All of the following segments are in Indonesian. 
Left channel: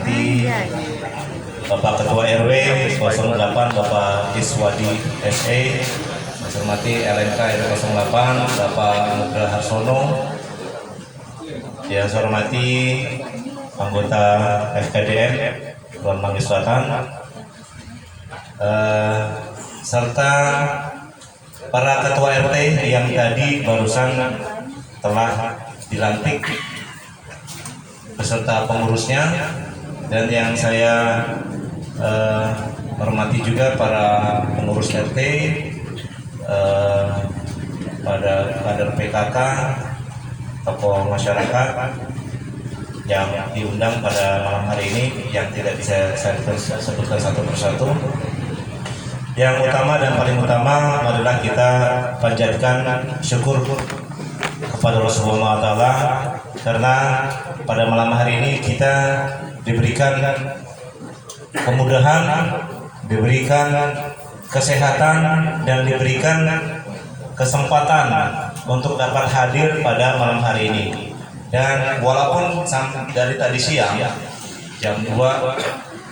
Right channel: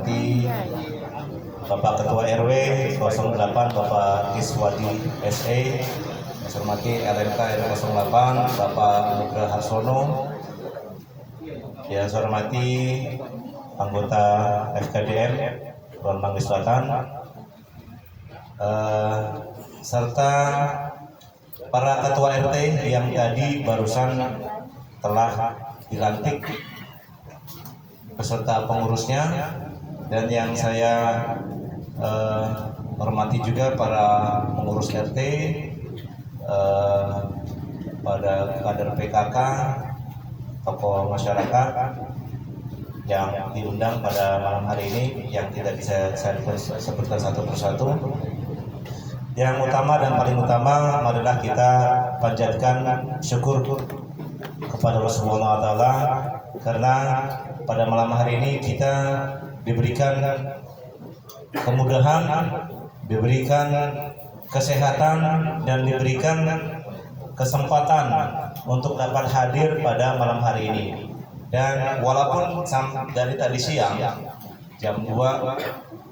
hormati Bapak Ketua RW 08 Bapak Iswadi SE, yang saya hormati LMK RW 08 Bapak Nugra Harsono, yang saya hormati anggota FKDM Kulon Mangis Selatan, serta para ketua RT yang tadi barusan telah dilantik beserta pengurusnya, dan yang saya hormati juga para pengurus RT, pada kader PKK, tokoh masyarakat yang diundang pada malam hari ini yang tidak bisa saya sebutkan satu persatu. Yang utama dan paling utama adalah kita panjatkan syukur kepada Rasulullah SAW, karena pada malam hari ini kita diberikan kemudahan, diberikan kesehatan, dan diberikan kesempatan untuk dapat hadir pada malam hari ini. Dan walaupun dari tadi siang jam 2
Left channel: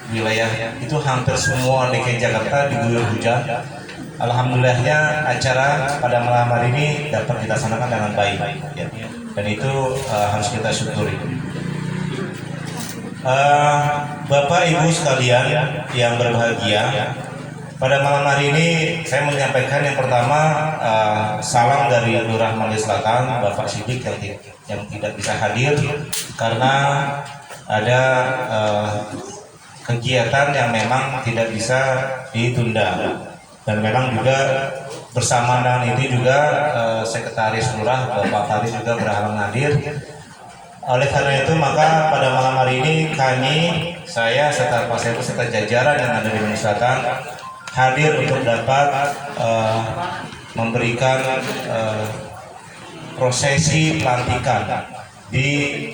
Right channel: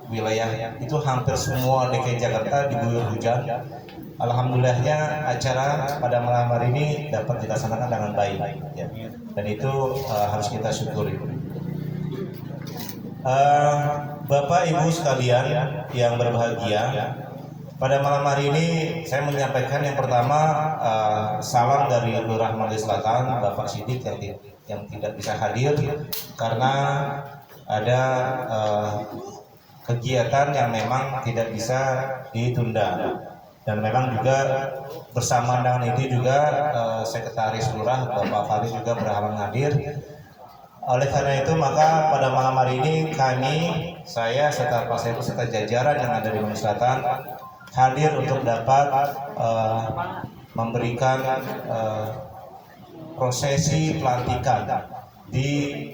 wilayah itu hampir semua DKI Jakarta diguyur hujan, alhamdulillahnya acara pada malam hari ini dapat kita laksanakan dengan baik, ya. Dan itu harus kita syukuri. Bapak Ibu sekalian yang berbahagia, pada malam hari ini saya menyampaikan yang pertama salam dari Lurah Mangis Selatan Bapak Sidik yang tidak bisa hadir karena ada kegiatan yang memang tidak bisa ditunda, dan memang juga bersamaan itu juga Sekretaris Lurah Bapak Faris juga berhalangan hadir. Oleh karena itu maka pada malam hari ini saya serta Pak Sepu serta jajaran yang ada di Mangis Selatan hadir untuk dapat memberikan prosesi pelantikan di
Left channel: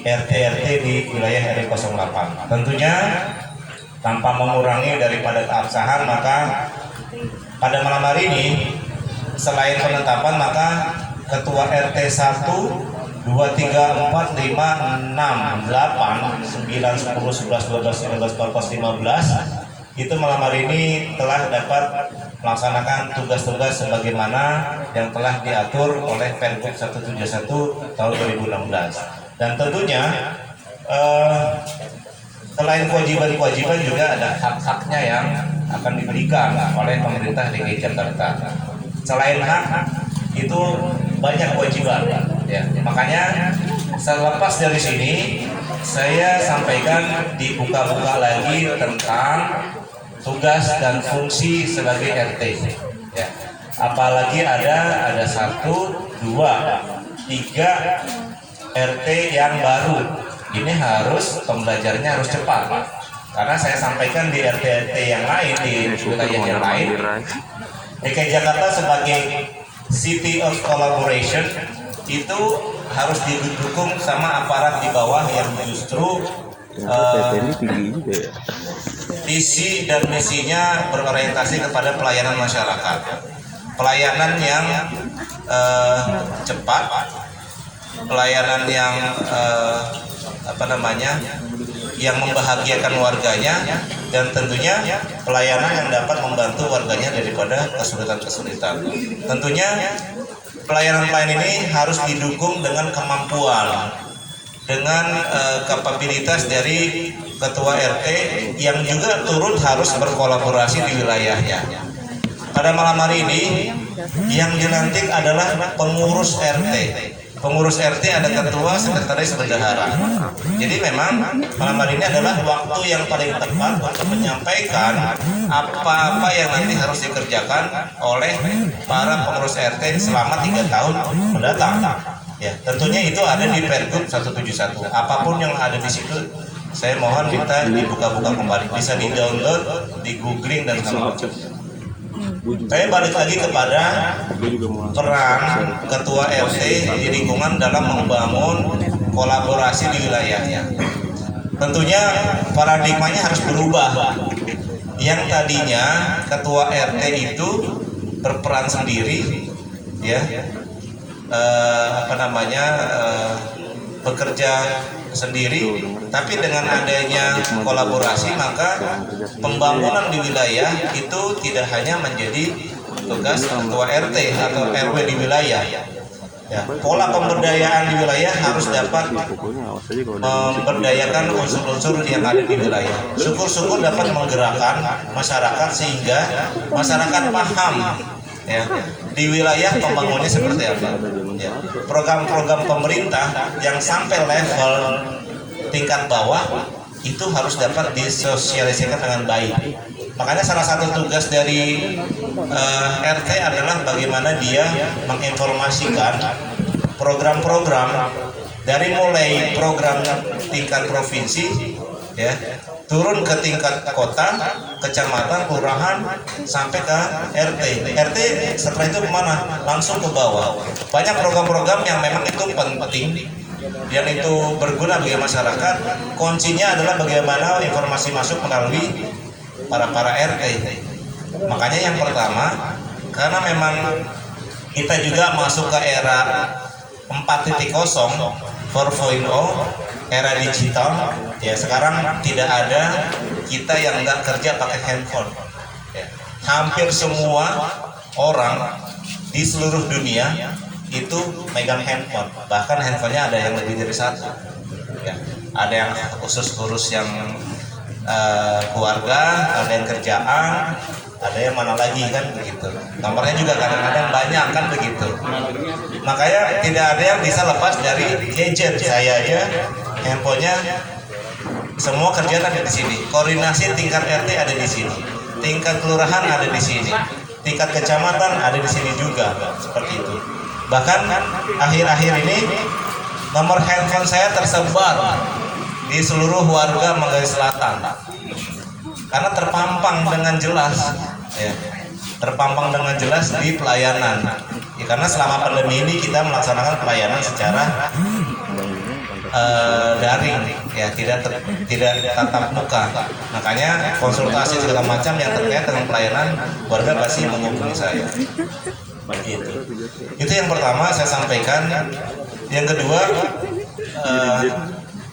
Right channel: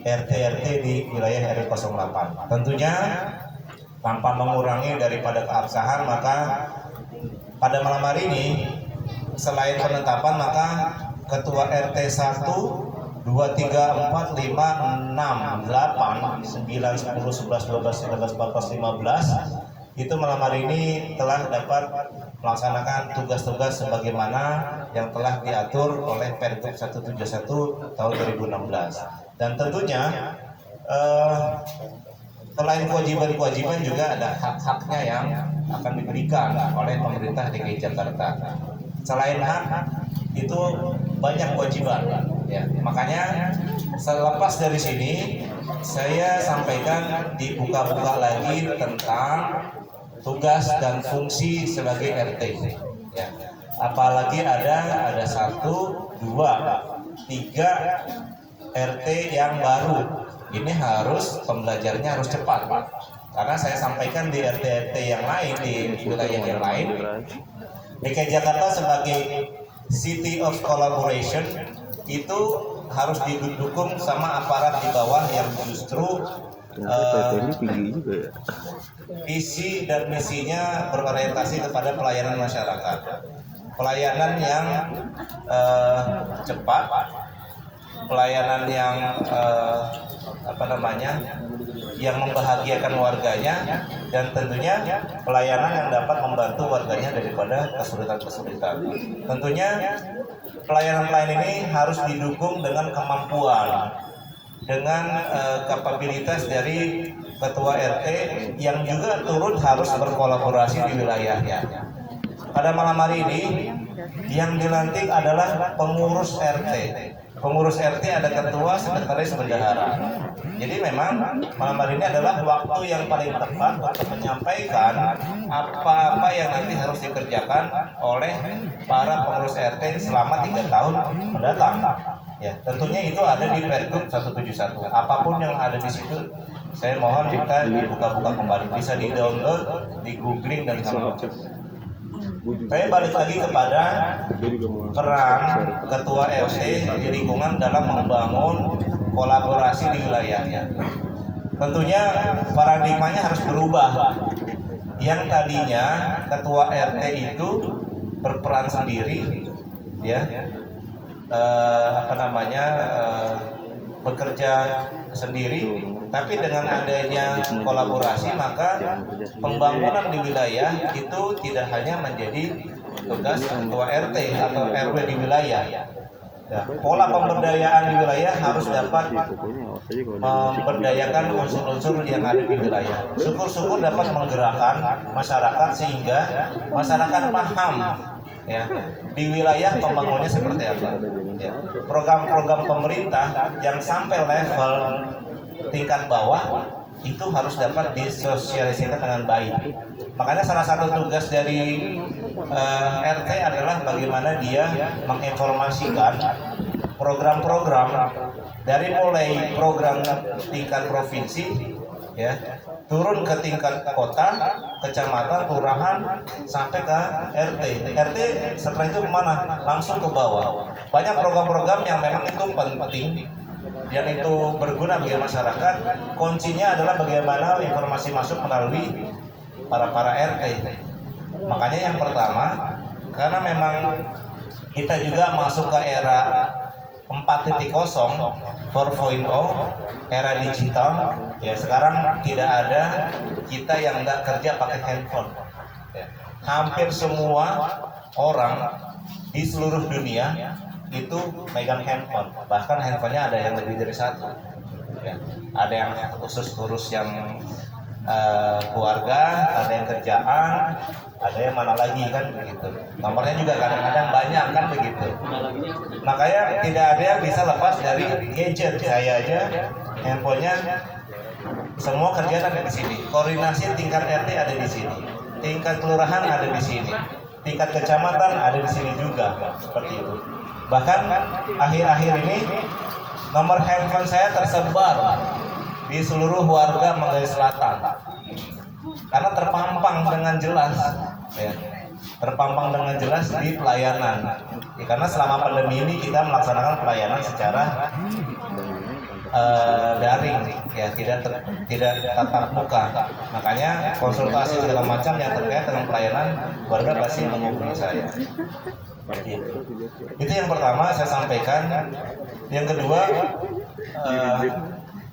RT-RT di wilayah RW 08. Tentunya tanpa mengurangi daripada keabsahan, maka pada malam hari ini selain penetapan, maka Ketua RT 1, 2, 3, 4, 5, 6, 8, 9, 10, 11, 12, 13, 14, 15 itu malam hari ini telah dapat melaksanakan tugas-tugas sebagaimana yang telah diatur oleh Pergub 171 tahun 2016. Dan tentunya selain kewajiban-kewajiban juga ada hak-haknya yang akan diberikan oleh pemerintah DKI Jakarta. Selain hak itu banyak kewajiban, ya. Makanya selepas dari sini saya sampaikan dibuka-buka lagi tentang tugas dan fungsi sebagai RT, ya. Apalagi ada 1, 2, 3 RT yang baru. Ini harus pembelajarannya harus cepat, karena saya sampaikan di RT-RT yang lain, di wilayah yang lain, DKI Jakarta sebagai City of Collaboration itu harus didukung sama aparat di bawah yang justru visi dan misinya berorientasi kepada pelayanan masyarakat, pelayanan yang cepat, pelayanan yang yang membahagiakan warganya, dan tentunya pelayanan yang dapat membantu warganya daripada kesulitan-kesulitan. Tentunya pelayanan-pelayanan ini harus didukung dengan kemampuan, dengan kapabilitas dari ketua RT yang juga turut harus berkolaborasi di wilayahnya. Pada malam hari ini yang dilantik adalah pengurus RT. Pengurus RT ada ketua, sekretaris, bendahara. Jadi memang malam hari ini adalah waktu yang paling tepat untuk menyampaikan apa-apa yang nanti harus dikerjakan oleh para pengurus RT selama 3 tahun mendatang. Ya, tentunya itu ada di Pergub 171. Apapun yang ada di situ, saya mohon minta dibuka-buka kembali, bisa di-download, di-googling dan segala macam. Saya balik lagi kepada peran ketua RT di lingkungan dalam membangun kolaborasi di wilayahnya. Tentunya paradigmanya harus berubah. Yang tadinya ketua RT itu berperan sendiri, ya, bekerja sendiri, tapi dengan adanya kolaborasi maka pembangunan di wilayah itu tidak hanya menjadi tugas ketua RT atau RW di wilayah. Ya, pola pemberdayaan di wilayah harus dapat memberdayakan unsur-unsur yang ada di wilayah. Syukur-syukur dapat menggerakkan masyarakat sehingga masyarakat paham ya di wilayah pembangunannya seperti apa. Ya, program-program pemerintah yang sampai level tingkat bawah itu harus dapat disosialisasikan dengan baik. Makanya salah satu tugas dari RT adalah bagaimana dia menginformasikan program-program dari mulai program tingkat provinsi ya turun ke tingkat kota, kecamatan, kelurahan sampai ke RT. RT setelah itu kemana? Langsung ke bawah. Banyak program-program yang memang itu penting dan itu berguna bagi masyarakat. Kuncinya adalah bagaimana informasi masuk melalui para RT. Makanya yang pertama, karena memang kita juga masuk ke era 4.0, 4.0, era digital. Ya sekarang tidak ada kita yang nggak kerja pakai handphone. Ya, hampir semua orang di seluruh dunia itu megang handphone. Bahkan handphonenya ada yang lebih dari satu. Ya, ada yang khusus urus yang keluarga, ada yang kerjaan, ada yang mana lagi kan begitu. Nomornya juga kadang-kadang banyak kan begitu. Makanya tidak ada yang bisa lepas dari gadget. Saya aja handphonenya semua kerjaan ada di sini. Koordinasi tingkat RT ada di sini, tingkat kelurahan ada di sini, tingkat kecamatan ada di sini juga seperti itu. Bahkan akhir-akhir ini nomor handphone saya tersebar di seluruh warga Manggarai Selatan karena terpampang dengan jelas ya, terpampang dengan jelas di pelayanan ya, karena selama pandemi ini kita melaksanakan pelayanan secara daring ya, tidak tatap muka. Makanya konsultasi segala macam yang terkait dengan pelayanan warga pasti menghubungi saya. Begitu. Itu yang pertama saya sampaikan. Yang kedua,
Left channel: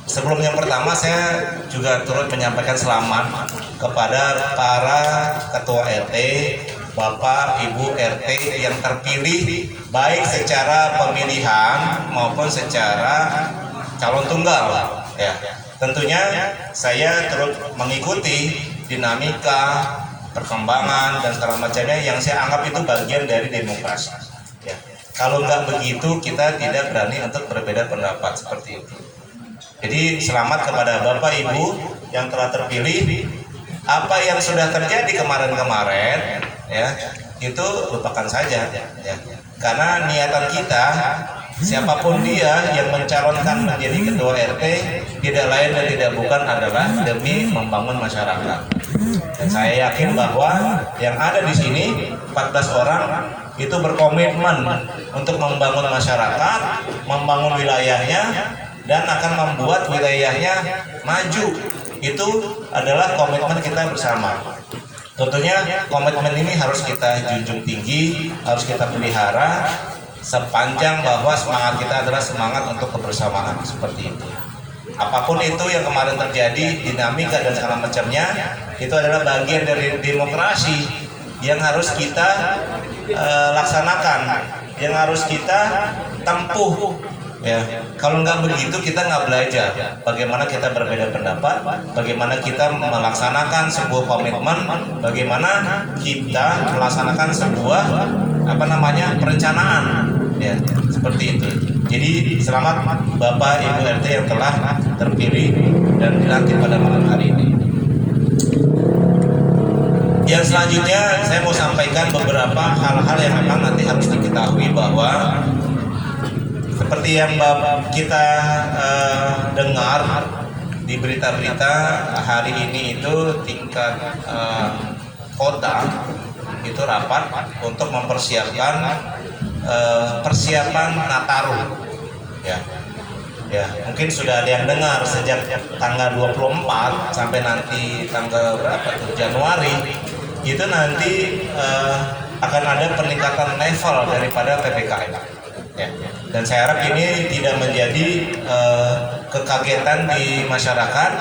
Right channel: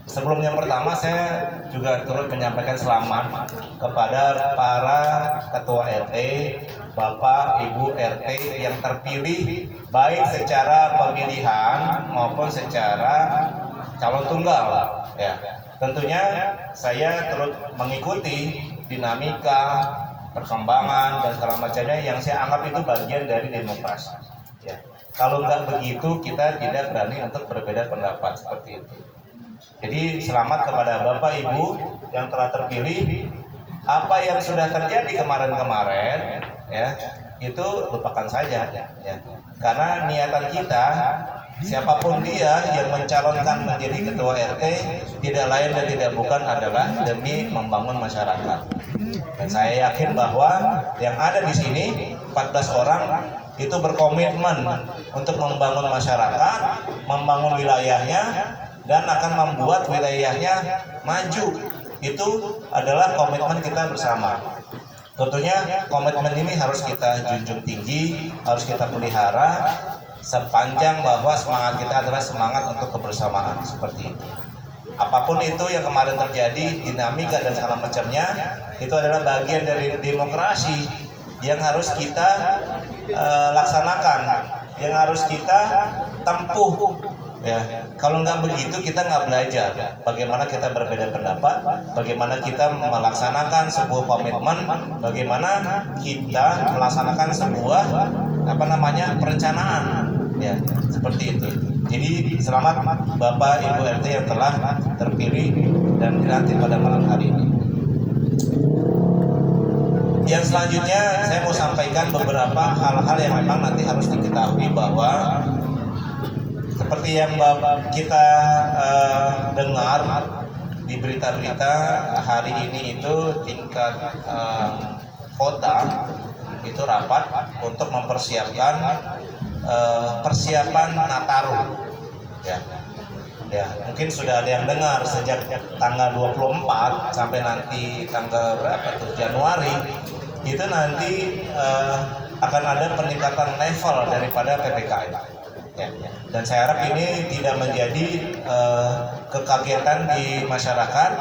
sebelum yang pertama saya juga turut menyampaikan selamat kepada para ketua RT, Bapak Ibu RT yang terpilih baik secara pemilihan maupun secara calon tunggal ya. Tentunya saya turut mengikuti dinamika, perkembangan dan segala macamnya yang saya anggap itu bagian dari demokrasi ya. Kalau nggak begitu kita tidak berani untuk berbeda pendapat seperti itu. Jadi selamat kepada Bapak Ibu yang telah terpilih. Apa yang sudah terjadi kemarin-kemarin ya itu lupakan saja ya. Karena niatan kita siapapun dia yang mencalonkan menjadi ketua RT tidak lain dan tidak bukan adalah demi membangun masyarakat. Dan saya yakin bahwa yang ada di sini 14 orang itu berkomitmen untuk membangun masyarakat, membangun wilayahnya dan akan membuat wilayahnya maju. Itu adalah komitmen kita bersama. Tentunya komitmen ini harus kita junjung tinggi, harus kita pelihara sepanjang bahwa semangat kita adalah semangat untuk kebersamaan seperti itu. Apapun itu yang kemarin terjadi, dinamika dan segala macamnya, itu adalah bagian dari demokrasi yang harus kita laksanakan, yang harus kita tempuh. Ya, kalau nggak begitu kita nggak belajar bagaimana kita berbeda pendapat, bagaimana kita melaksanakan sebuah komitmen, bagaimana kita melaksanakan sebuah perencanaan, ya seperti itu. Jadi selamat Bapak Ibu RT yang telah terpilih dan dilantik pada malam hari ini. Yang selanjutnya saya mau sampaikan beberapa hal-hal yang memang nanti harus diketahui bahwa seperti yang kita dengar di berita-berita hari ini itu tingkat kota itu rapat untuk mempersiapkan persiapan Nataru ya mungkin sudah ada yang dengar sejak tanggal 24 sampai nanti tanggal berapa tuh Januari itu nanti akan ada peningkatan level daripada PPKM ya. Dan saya harap ini tidak menjadi kekagetan di masyarakat.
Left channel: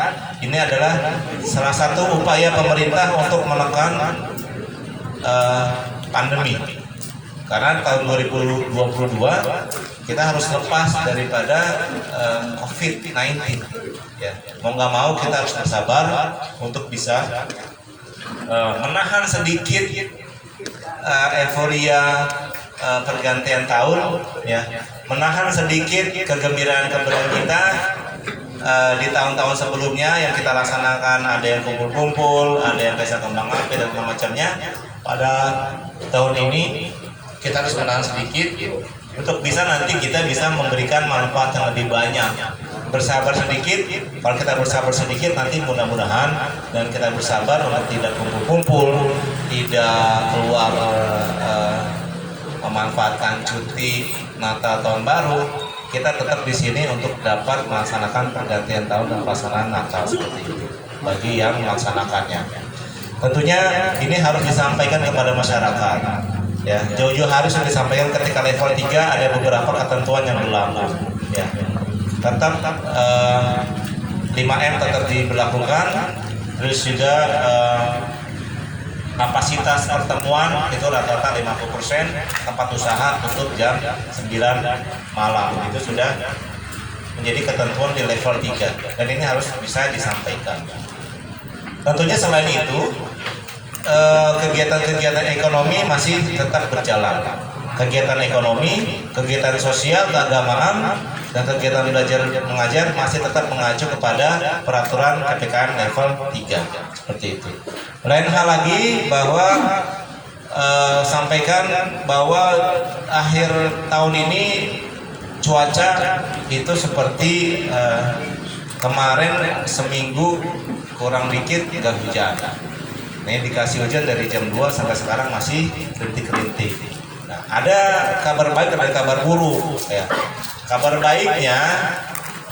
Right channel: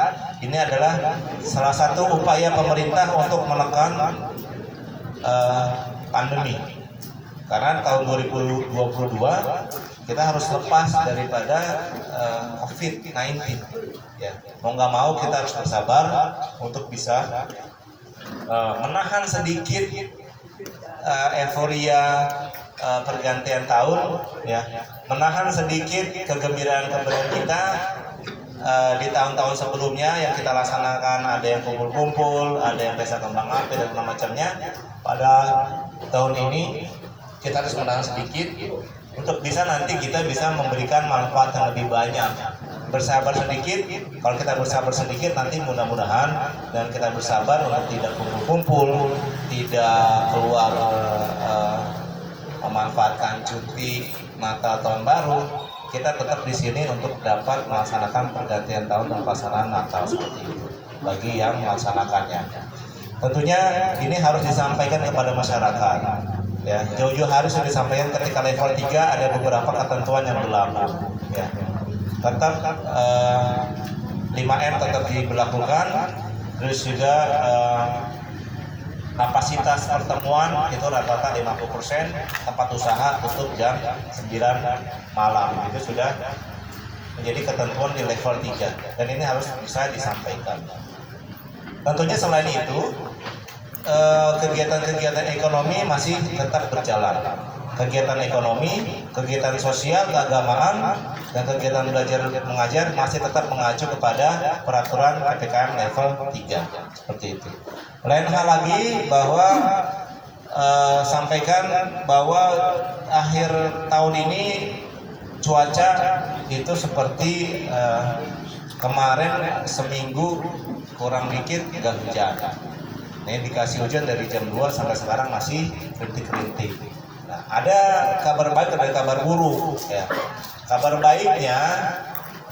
Ini adalah salah satu upaya pemerintah untuk menekan pandemi. Karena tahun 2022 kita harus lepas daripada COVID-19. Ya, mau nggak mau kita harus bersabar untuk bisa menahan sedikit euforia pergantian tahun, ya, menahan sedikit kegembiraan kita di tahun-tahun sebelumnya yang kita laksanakan, ada yang kumpul-kumpul, ada yang pesta kembang api dan macamnya. Pada tahun ini kita harus menahan sedikit untuk bisa nanti kita bisa memberikan manfaat yang lebih banyak. Bersabar sedikit, kalau kita bersabar sedikit nanti mudah-mudahan, dan kita bersabar untuk tidak kumpul-kumpul, tidak keluar memanfaatkan cuti Natal tahun baru, kita tetap di sini untuk dapat melaksanakan pergantian tahun dan pelaksanaan Natal seperti itu bagi yang melaksanakannya. Tentunya ini harus disampaikan kepada masyarakat. Ya, jauh-jauh hari sudah disampaikan ketika level 3 ada beberapa ketentuan yang berlaku. Ya, tetap 5M tetap diberlakukan, terus juga kapasitas pertemuan itu rata-rata 50%, tempat usaha tutup jam 9 malam. Itu sudah menjadi ketentuan di level 3 dan ini harus bisa disampaikan. Tentunya selain itu kegiatan-kegiatan ekonomi masih tetap berjalan. Kegiatan ekonomi, kegiatan sosial, keagamaan, dan kegiatan belajar mengajar masih tetap mengacu kepada peraturan PPKM level 3 seperti itu. Lain hal lagi bahwa sampaikan bahwa akhir tahun ini cuaca itu seperti kemarin seminggu kurang dikit nggak hujan. Ini dikasih hujan dari jam 2 sampai sekarang masih rintik-rintik. Nah, ada kabar baik dan kabar buruk ya. Kabar baiknya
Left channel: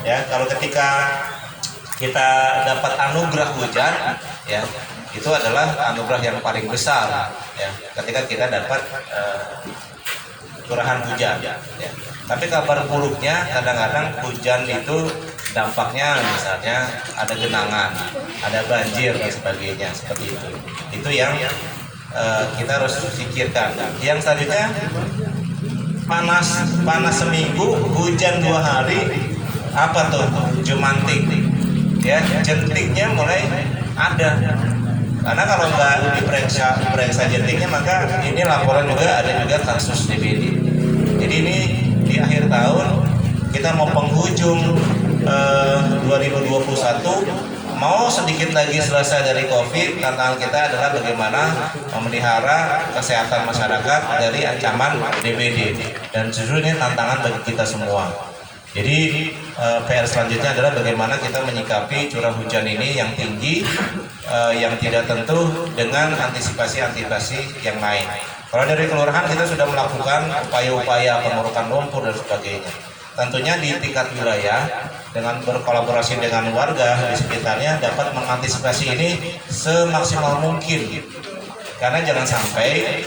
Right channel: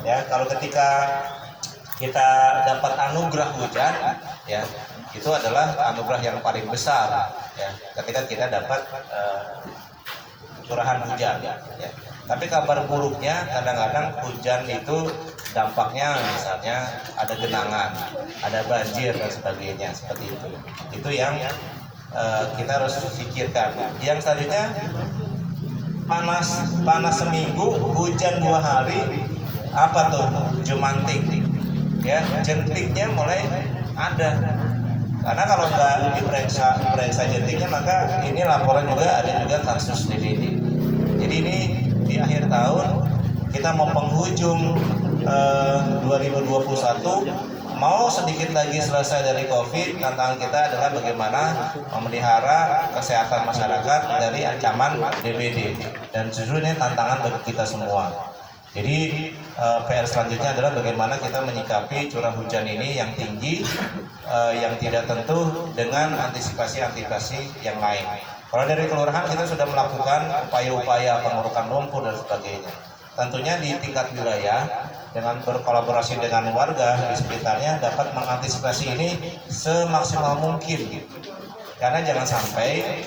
ya, kalau ketika kita dapat anugerah hujan ya, itu adalah anugerah yang paling besar ya, ketika kita dapat curahan hujan ya. Tapi kabar buruknya kadang-kadang hujan itu dampaknya misalnya ada genangan, ada banjir dan sebagainya seperti itu. Itu yang kita harus pikirkan. Yang selanjutnya panas seminggu, hujan 2 hari, apa tuh? Jumantik, ya, jentiknya mulai ada. Karena kalau nggak diperiksa jentiknya, maka ini laporan juga ada juga kasus DBD. Jadi ini di akhir tahun kita mau penghujung 2021, mau sedikit lagi selesai dari COVID. Tantangan kita adalah bagaimana memelihara kesehatan masyarakat dari ancaman DBD, dan justru ini tantangan bagi kita semua. Jadi PR selanjutnya adalah bagaimana kita menyikapi curah hujan ini yang tinggi, yang tidak tentu dengan antisipasi yang lain. Kalau dari kelurahan kita sudah melakukan upaya-upaya pengurukan lumpur dan sebagainya. Tentunya di tingkat wilayah dengan berkolaborasi dengan warga di sekitarnya dapat mengantisipasi ini semaksimal mungkin. Karena jangan sampai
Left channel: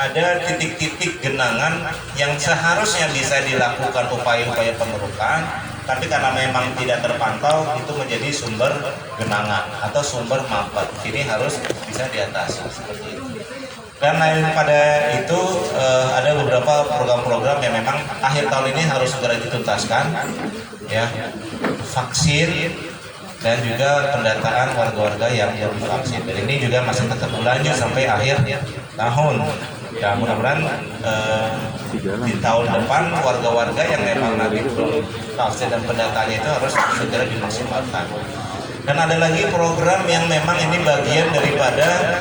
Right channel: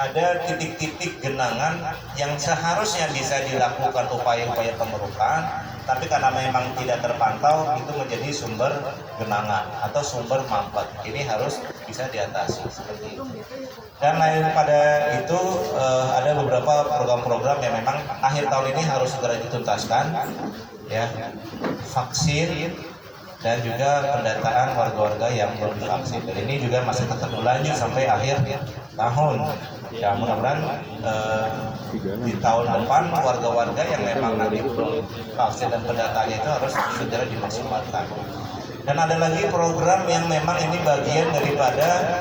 ada titik-titik genangan yang seharusnya bisa dilakukan upaya-upaya pengurukan, tapi karena memang tidak terpantau itu menjadi sumber genangan atau sumber mampet. Ini harus bisa diatasi seperti itu. Dan lain pada itu ada beberapa program-program yang memang akhir tahun ini harus segera dituntaskan, ya, vaksin dan juga pendataan warga-warga yang belum divaksin. Dan ini juga masih tetap berlanjut sampai akhir tahun. Ya, mudah-mudahan di tahun depan warga-warga yang memang nanti belum vaksin dan pendataannya itu harus segera dimaksimalkan. Dan ada lagi program yang memang ini bagian daripada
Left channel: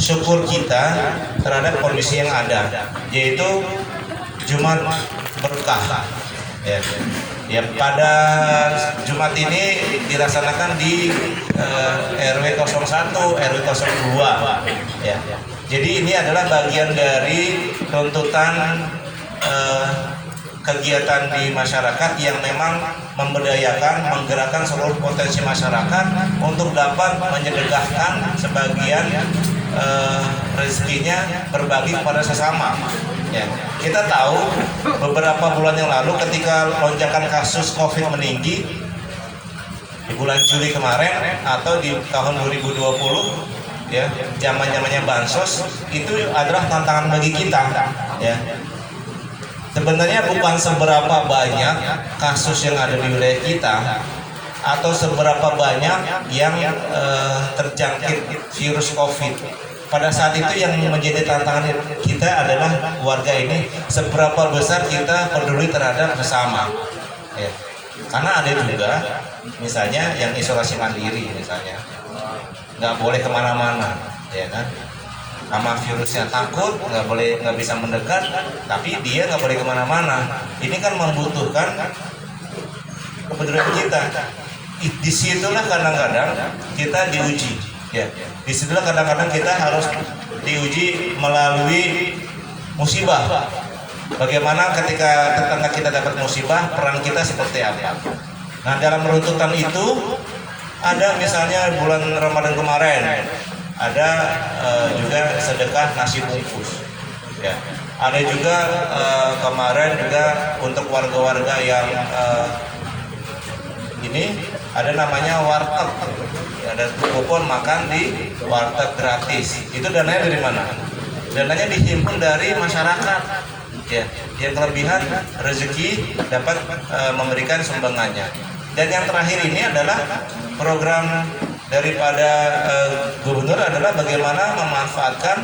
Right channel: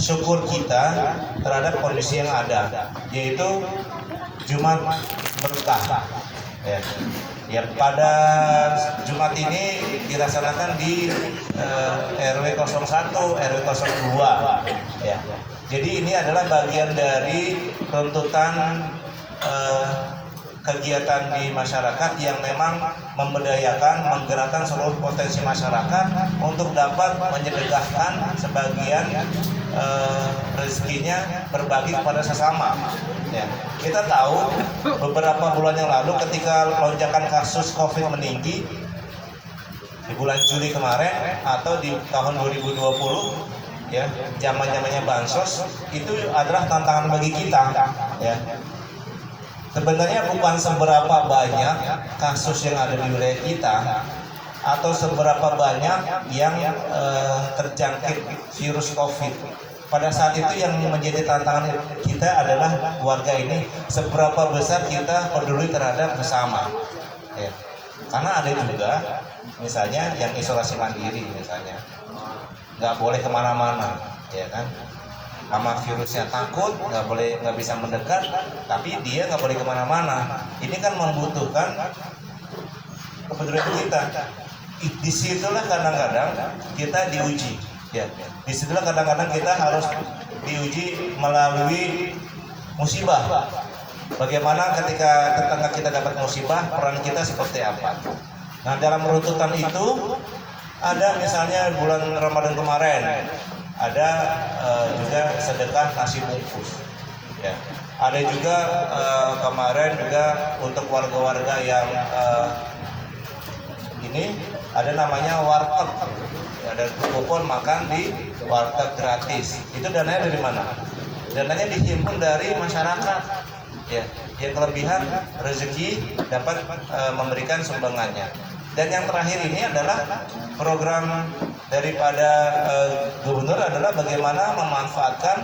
syukur kita terhadap kondisi yang ada, yaitu Jumat Berkah. Ya, pada Jumat ini dilaksanakan di RW 01, RW 02. Ya. Jadi ini adalah bagian dari tuntutan kegiatan di masyarakat yang memang memberdayakan, menggerakkan seluruh potensi masyarakat untuk dapat menyedekahkan sebagian rezekinya berbagi kepada sesama. Ya, kita tahu beberapa bulan yang lalu ketika lonjakan kasus COVID meninggi di bulan Juli kemarin atau di tahun 2020, ya, zamannya bansos, itu adalah tantangan bagi kita, ya. Sebenarnya bukan seberapa banyak kasus yang ada di wilayah kita atau seberapa banyak yang terjangkit virus COVID. Pada saat itu yang menjadi tantangan kita adalah warga ini seberapa besar kita peduli terhadap bersama, ya. Karena ada juga misalnya yang isolasi mandiri, misalnya nggak boleh kemana-mana, ya kan, sama virusnya takut, nggak bisa mendekat, tapi dia nggak boleh kemana-mana. Ini kan membutuhkan kepedulian kita. Disitulah kadang-kadang kita diuji, ya. Disitulah kadang-kadang kita harus diuji melalui musibah. Bagaimana ketika tetangga kita dapat musibah, peran kita seperti apa? Nah, dalam runtutan itu ada misalnya bulan Ramadan kemarin ada juga sedekah nasi bungkus, ya. Ada juga kemarin juga untuk warga-warga yang ini ada namanya warteg, ada kupon makan di warteg gratis. Itu dananya dari mana? Dananya dihimpun dari masyarakat, ya. Yang kelebihan rezeki dapat memberikan sumbangannya. Dan yang terakhir ini adalah program daripada gubernur adalah bagaimana memanfaatkan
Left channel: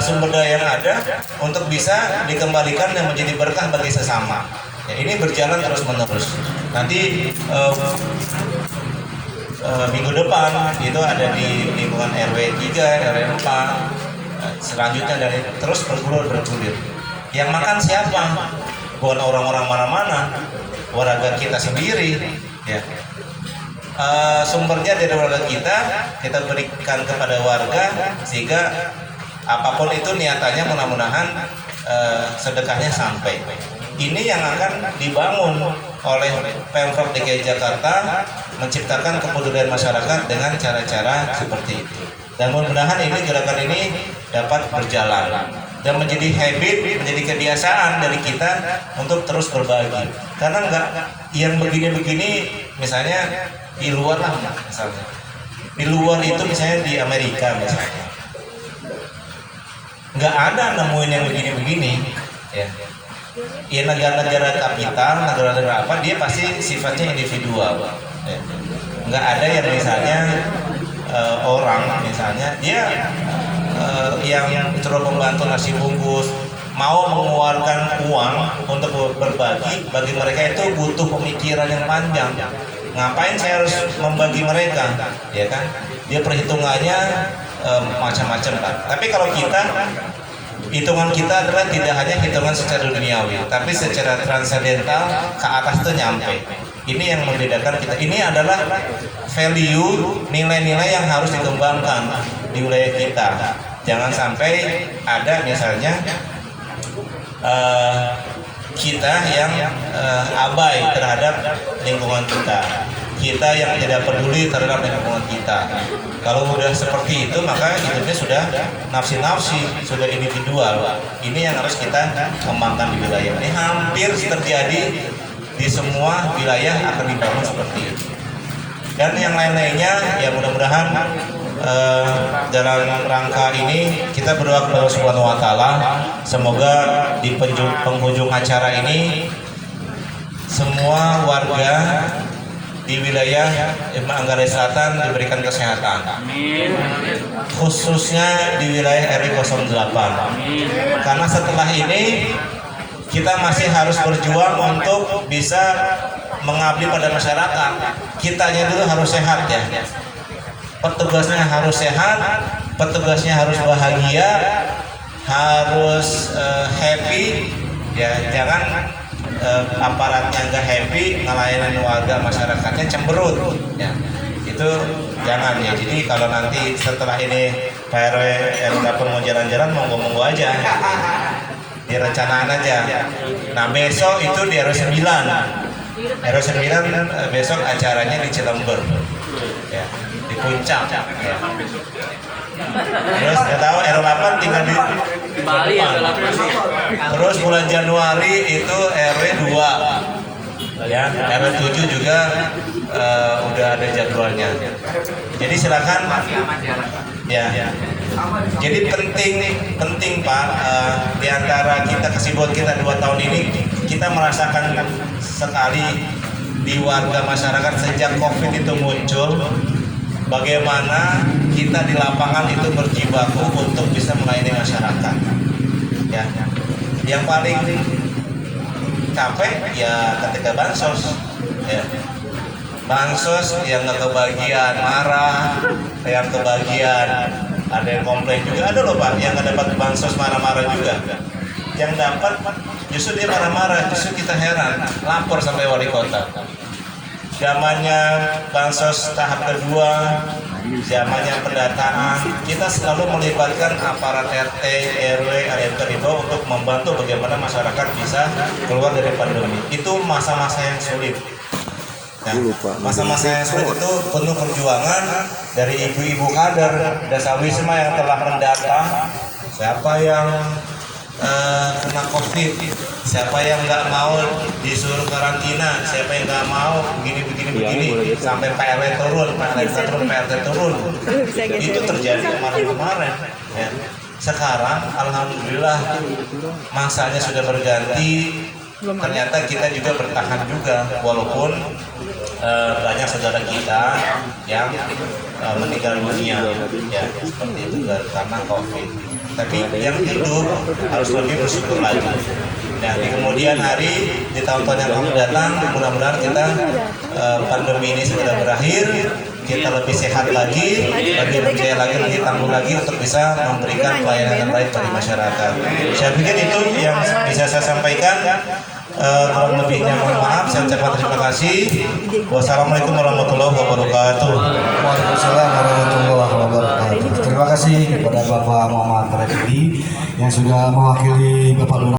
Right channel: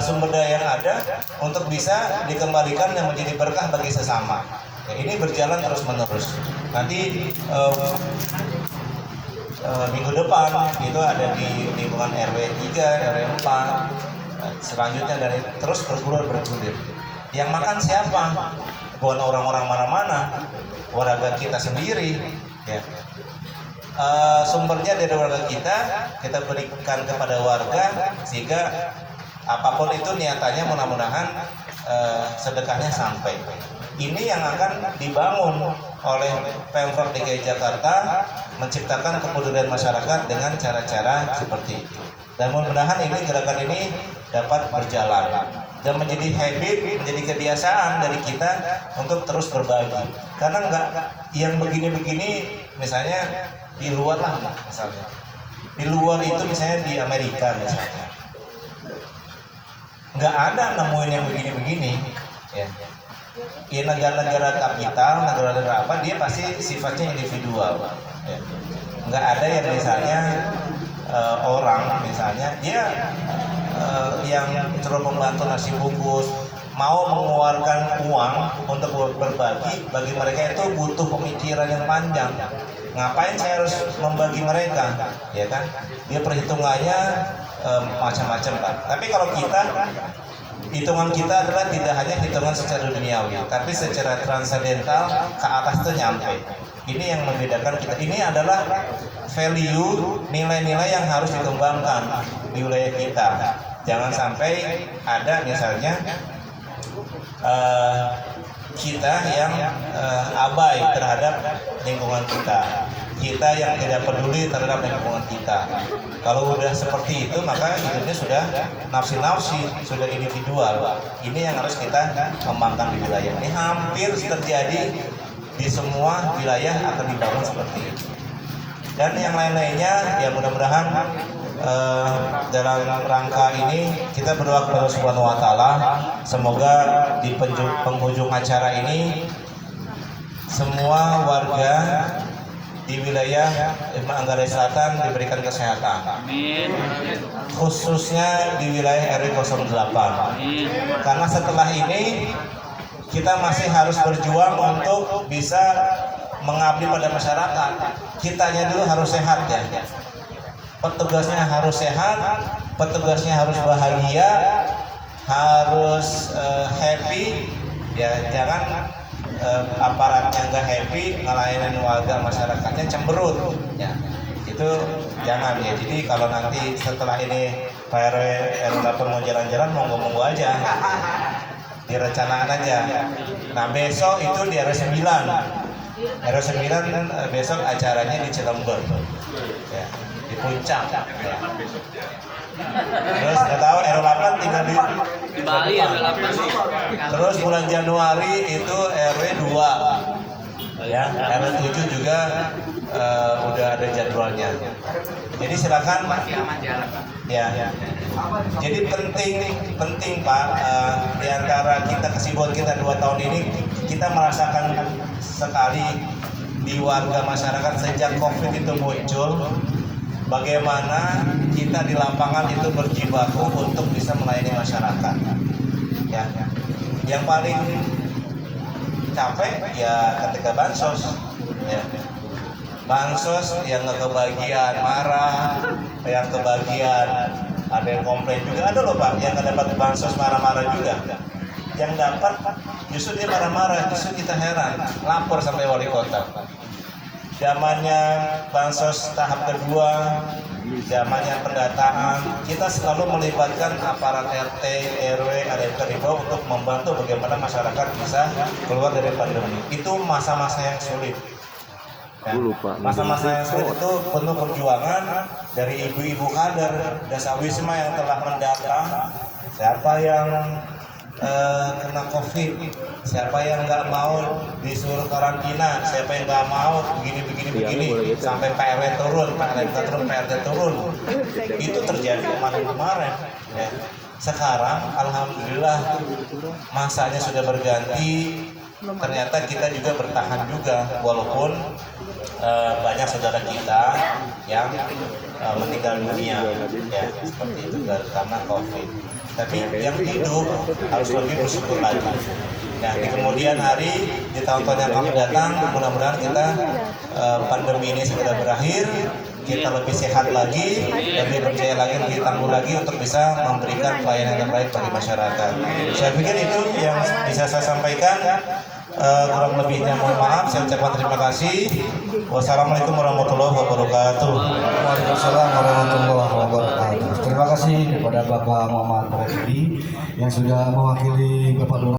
sumber daya yang ada untuk bisa dikembalikan dan menjadi berkah bagi sesama. Ya, ini berjalan terus menerus. Nanti minggu depan itu ada di lingkungan RW 3, RW 4, selanjutnya dari terus bergulir. Yang makan siapa? Bukan orang-orang mana-mana, warga kita sendiri, ya. Sumbernya dari warga kita berikan kepada warga sehingga apapun itu niatannya mudah-mudahan sedekahnya sampai. Ini yang akan dibangun oleh Pemprov DKI Jakarta, menciptakan kepedulian masyarakat dengan cara-cara seperti itu. Dan mudah-mudahan ini gerakan ini dapat berjalan dan menjadi habit, menjadi kebiasaan dari kita untuk terus berbagi. Karena enggak yang begini-begini, misalnya di luar lah, misalnya di luar itu misalnya di Amerika misalnya, nggak ada nemuin yang begini-begini, ya. Ya, negara-negara kapital, negara-negara apa, dia pasti sifatnya individual, ya. Nggak ada yang misalnya orang misalnya dia yang terus membantu nasi bungkus, mau mengeluarkan uang untuk berbagi, bagi mereka itu butuh pemikiran yang panjang. Ngapain saya harus membagi mereka, ya kan? Dia perhitungannya macam-macam lah. Tapi kalau kita, hitungan kita adalah tidak hanya hitungan secara duniawi, tapi secara transendental ke atas itu nyampe. Ini yang membedakan kita. Ini adalah value, nilai-nilai yang harus dikembangkan di wilayah kita. Jangan sampai ada misalnya kita yang abai terhadap lingkungan kita yang tidak peduli terhadap lingkungan kita. Kalau udah seperti itu, maka hidupnya sudah nafsi-nafsi, sudah individual. Ini yang harus kita kembangkan di wilayah ini. Hampir terjadi di semua wilayah akan dibangun seperti itu. Dan yang lain-lainnya, ya mudah-mudahan dalam rangka ini kita berdoa kepada Allah Subhanahu wa Ta'ala, semoga di penghujung acara ini semua warga di wilayah Manggarai Selatan diberikan kesehatan. Amin. Khususnya di wilayah RW 08. Amin. Karena setelah ini kita masih harus berjuang untuk bisa mengabdi pada masyarakat. Kitanya dulu harus sehat, ya. Petugasnya harus sehat, petugasnya harus bahagia, harus happy, ya. Jangan aparatnya nggak happy, ngelayanin warga masyarakatnya cemberut, ya. Itu jangan, ya. Jadi kalau nanti setelah ini Pak RW yang dapat mau jalan-jalan, monggo aja, direncanain aja. Nah, besok itu di RW 9 besok acaranya di Cilember, ya, di Puncak, ya. Terus nggak tahu RW 8 tinggal di Bali ya RW 8 sih. Terus bulan Januari itu RW 2. Ya, RW 7 juga udah ada jadwalnya. Jadi silakan ya. Jadi penting Pak, di antara kesibukan kita 2 tahun ini kita merasakan sekali di warga masyarakat sejak COVID itu muncul, bagaimana kita di lapangan itu berjibaku untuk bisa melayani masyarakat. Ya, yang paling capek ya ketika bansos, ya. Bansos yang nggak kebagian marah, yang kebagian ada yang komplain juga, ada loh Pak yang nggak dapat bansos marah-marah juga. Yang dapat justru dia marah-marah, justru kita heran, lapor sampai wali kota. Zamannya bansos tahap kedua, zamannya pendataan, kita selalu melibatkan aparat RT, RW, RT di bawah untuk membantu bagaimana masyarakat bisa keluar dari pandemi. Itu masa-masa yang sulit. Masa-masa yang sulit itu penuh perjuangan dari ibu-ibu kader Desa Wisma yang telah mendata siapa yang kena COVID, siapa yang nggak mau disuruh karantina, siapa yang nggak mau begini, sampai PLT turun, PLT turun. Itu terjadi kemarin. Ya. Sekarang alhamdulillah masanya sudah berganti. Ternyata kita juga bertahan juga walaupun banyak saudara kita yang meninggal dunia ya seperti itu karena COVID. Tapi yang hidup harus lebih bersyukur lagi. Nah, di kemudian hari di tahun-tahun yang akan datang, mudah-mudahan kita pandemi ini segera berakhir, kita lebih sehat lagi, lebih percaya lagi, lebih tangguh lagi untuk bisa memberikan pelayanan yang baik bagi masyarakat. Saya pikir itu yang bisa saya sampaikan. Kurang lebihnya mohon maaf, saya ucapkan terima kasih. Wassalamualaikum warahmatullahi wabarakatuh. Waalaikumsalam warahmatullahi wabarakatuh. Terima kasih kepada Bapak Muhammad Refdi yang sudah mewakili Bapak Lurah